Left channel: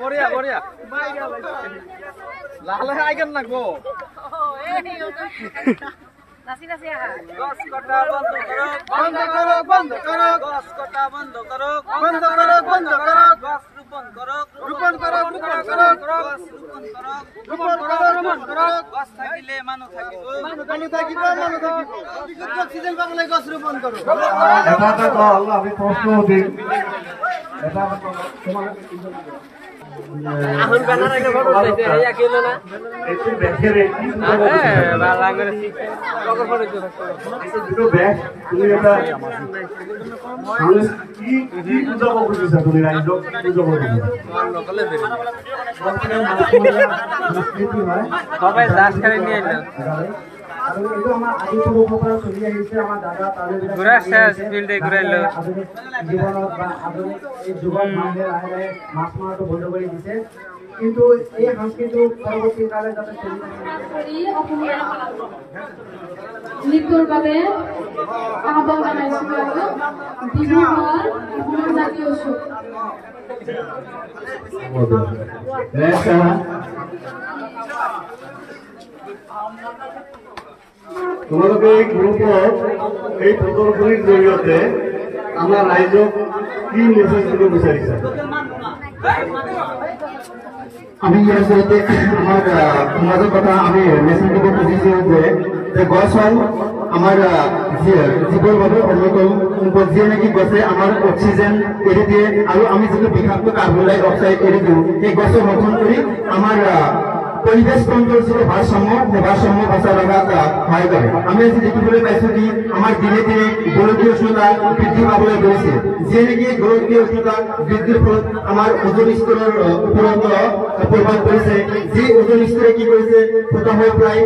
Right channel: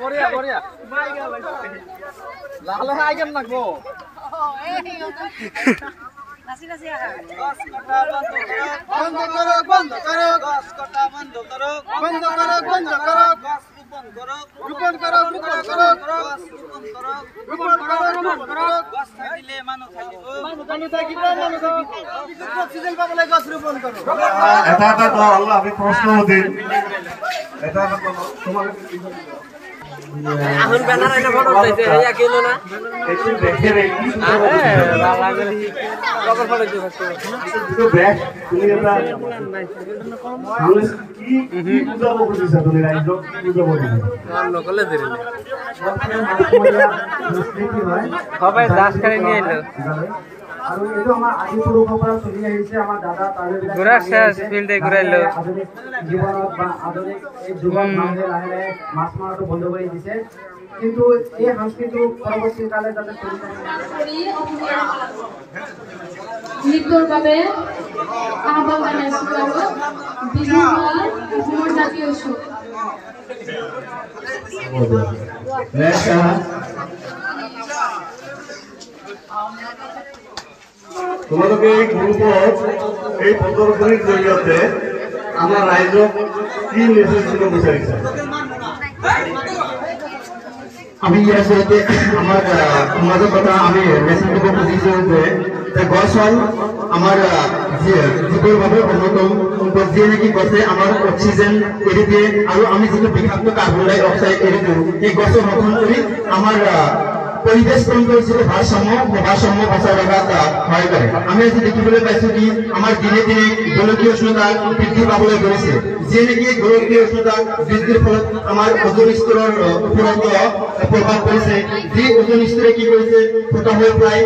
বঢ়িয়া লাহে আইকেন নাকবো নাচি নাচি গছ কটা বন্ধ করো গছ কটা বন্ধ করো গছ রোপণ করো গছ থাকিলে মানুহ থাকিব অক্সিজেন পাবলে গছ রোপণ করো এটা দল আমি প্রশ্ন দিন এটা তোমার এখন ব্যানার এনে ফটো চাইছে এই কেন না একটু দেখে রে কি দুটো ব্যাগ তুমি এটা কি বুঝাবো বুঝিস তুমি রাইজ কি বুঝাবো লোকালে দেরি সবাই দাস করে নিয়ে এলো আৰু এইটো আমাৰ আদি পূৰ্বৰ পৰা চলি আহিছে আমাৰ দাদা ঘুৰা শেষ ফিল্ডে ঘূৰাইলো আধুনিক জীৱনত বা আধুনিক এই যুগত মানুহে লাহে লাহে মাছ মৰাটো বন্ধ কৰি দিছে কিন্তু এই সংস্কৃতি পৰৱৰ্তী কালে যাতে চলি থাকে নৃত্যৰ বাবে আহ্বান জনাইছোঁ বিহু মেলাৰ অসমৰ জাতীয় উৎসৱ তোমালোকে এই গ্ৰুপত এই প্ৰদৰ্শনীৰ জৰিয়তে আমাৰ ৰাইজক কি মেছেজ দিব বিচাৰিছা আমি ইয়াৰ জৰিয়তে আমাৰ সমাজৰ কথা আমি মেছেজ দিব খুজিছোঁ যে গছ হ'ল আমাৰ জীৱৰ বাবে অন্যতম সম্পদ যিয়ে নেকি গছে আমাৰ অক্সিজেন এৰি দিয়ে আৰু আমি যিটো বিষাক্ত কাৰ্বন ডাই অক্সাইড এৰি দিওঁ সেই গছে সংৰক্ষণ কৰি আমাৰ পৰিবেশ তন্ত্ৰৰ যিটো ভাৰসাম্য বচাই ৰখাত সহায় কৰে আমি আজি দেখিবলৈ পাইছো কি আমাৰ দিনে দিনে গোলকীয় উষ্ণতা বৃদ্ধি পাবলৈ ধৰিছে যিয়ে নেকি গোলকীয় উষ্ণতা বৃদ্ধিৰ ফলত আমাৰ ওজন স্তৰৰ ওপৰত প্ৰভাৱ পৰিছে যি ওজন স্তৰে কি কৰিছে ফুটা হৈ প্ৰায়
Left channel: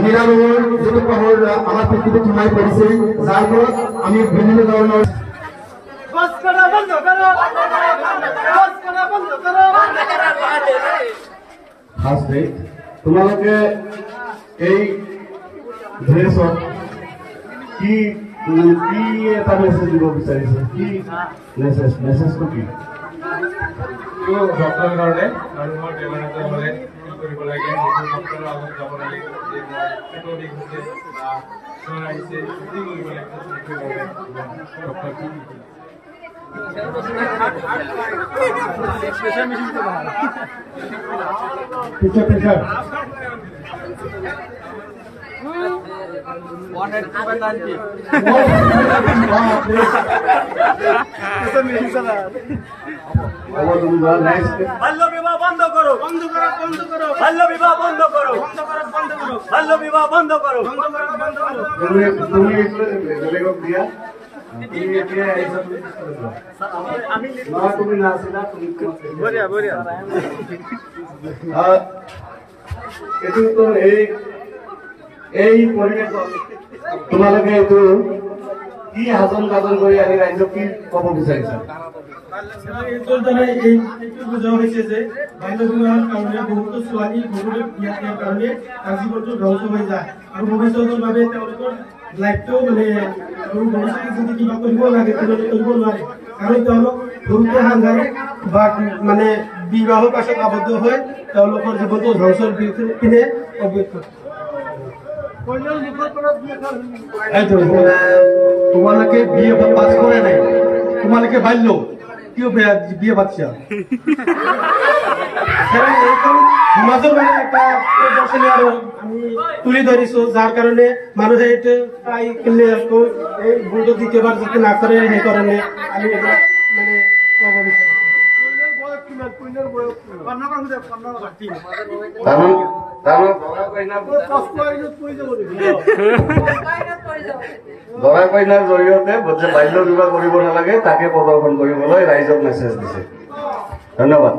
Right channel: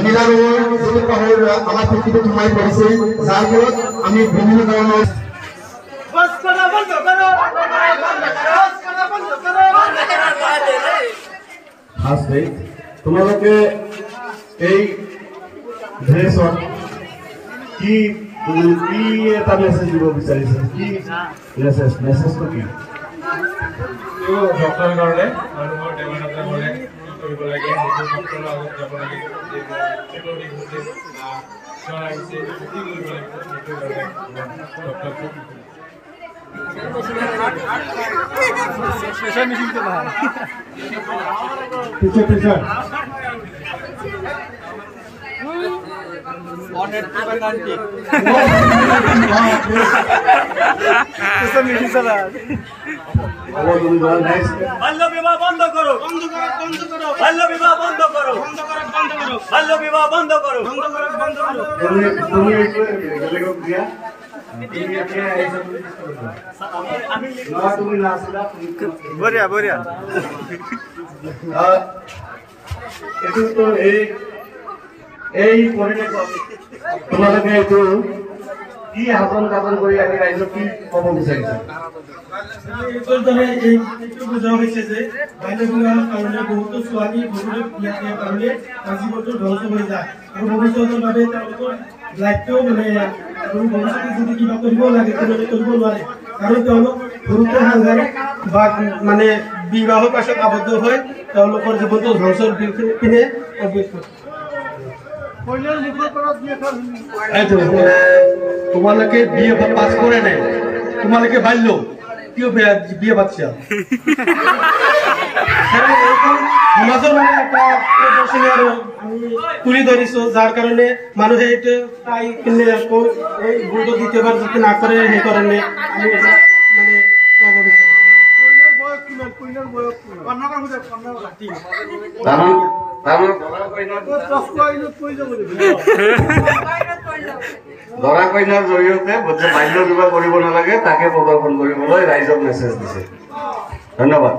নীলা ৰঙৰ যিটো পোহৰ আমাৰ পৃথিৱীত সোমাই পৰিছে যাৰ ফলত আমি বিভিন্ন ধৰণৰ তোমালোকে এই ড্ৰেছত কি এটা মেছেজ দিব বিচাৰিছে কি মেছেজটো কি ডক্টৰ কাৰণে আৰু মই দেৱানন্দ কৰে কৰিব লাগে ডক্টৰৰ আগত যাব লাগে পেটৰ বিষ হৈছে বা জ্বৰ আহিছে কি কৰিব লাগিব পিছে বাল্য বিবাহ বন্ধ কৰো বাল্য বিবাহ বন্ধ কৰো বাল্য বিবাহ বন্ধ কৰো বঢ়িয়া এই পৰিৱেশত তোমালোকে এইটো কি হাতন কাটন কৰি আনি ৰাইজক কি ক'ব বিচাৰিছা বুজোৱা হৈছে যে বাল্য বিবাহৰ কাৰণে বহুতো ছোৱালী বহুতো বিয়া দিয়াৰ কাৰণে জীৱনটো ধ্বংস হৈ যায় আৰু ভৱিষ্যতৰ বাবে তেওঁলোকৰ লাইফটো মানে ভৱিষ্যতে যদি কিবা কৰিব লাগে তেওঁলোকে কৰিব নোৱাৰে কাৰণ তেওঁলোক সৰুতে সাংঘাতিক বা মানে বিবাহৰ পাছত আবদ্ধ হৈ তেওঁলোকৰ জীৱনটো ধ্বংসৰ পিনে অগ্ৰসৰ তোমালোকে বিয়ে পাছ কৰে নাই তোমালোকে বাল্য কিয় বিয়ে পাতিছা সমাজৰ মানে এটা প্ৰদৰ্শনী আৰু আমি তুলি ধৰিছো যাৰ কাৰণে মানুহে এইটো পাই কিনে আকৌ এই ভুলটো দ্বিতীয়বাৰ যাতে নকৰে সেইকাৰণে আমি মানে ক'ব বিচাৰিছো দৰা কইনাৰ জৰিয়তে যে বাল্য বিবাহ কৰিব নালাগে তাকে প্ৰদৰ্শন কৰিবলৈ ৰাইজক মেছেজ দিছে। ধন্যবাদ।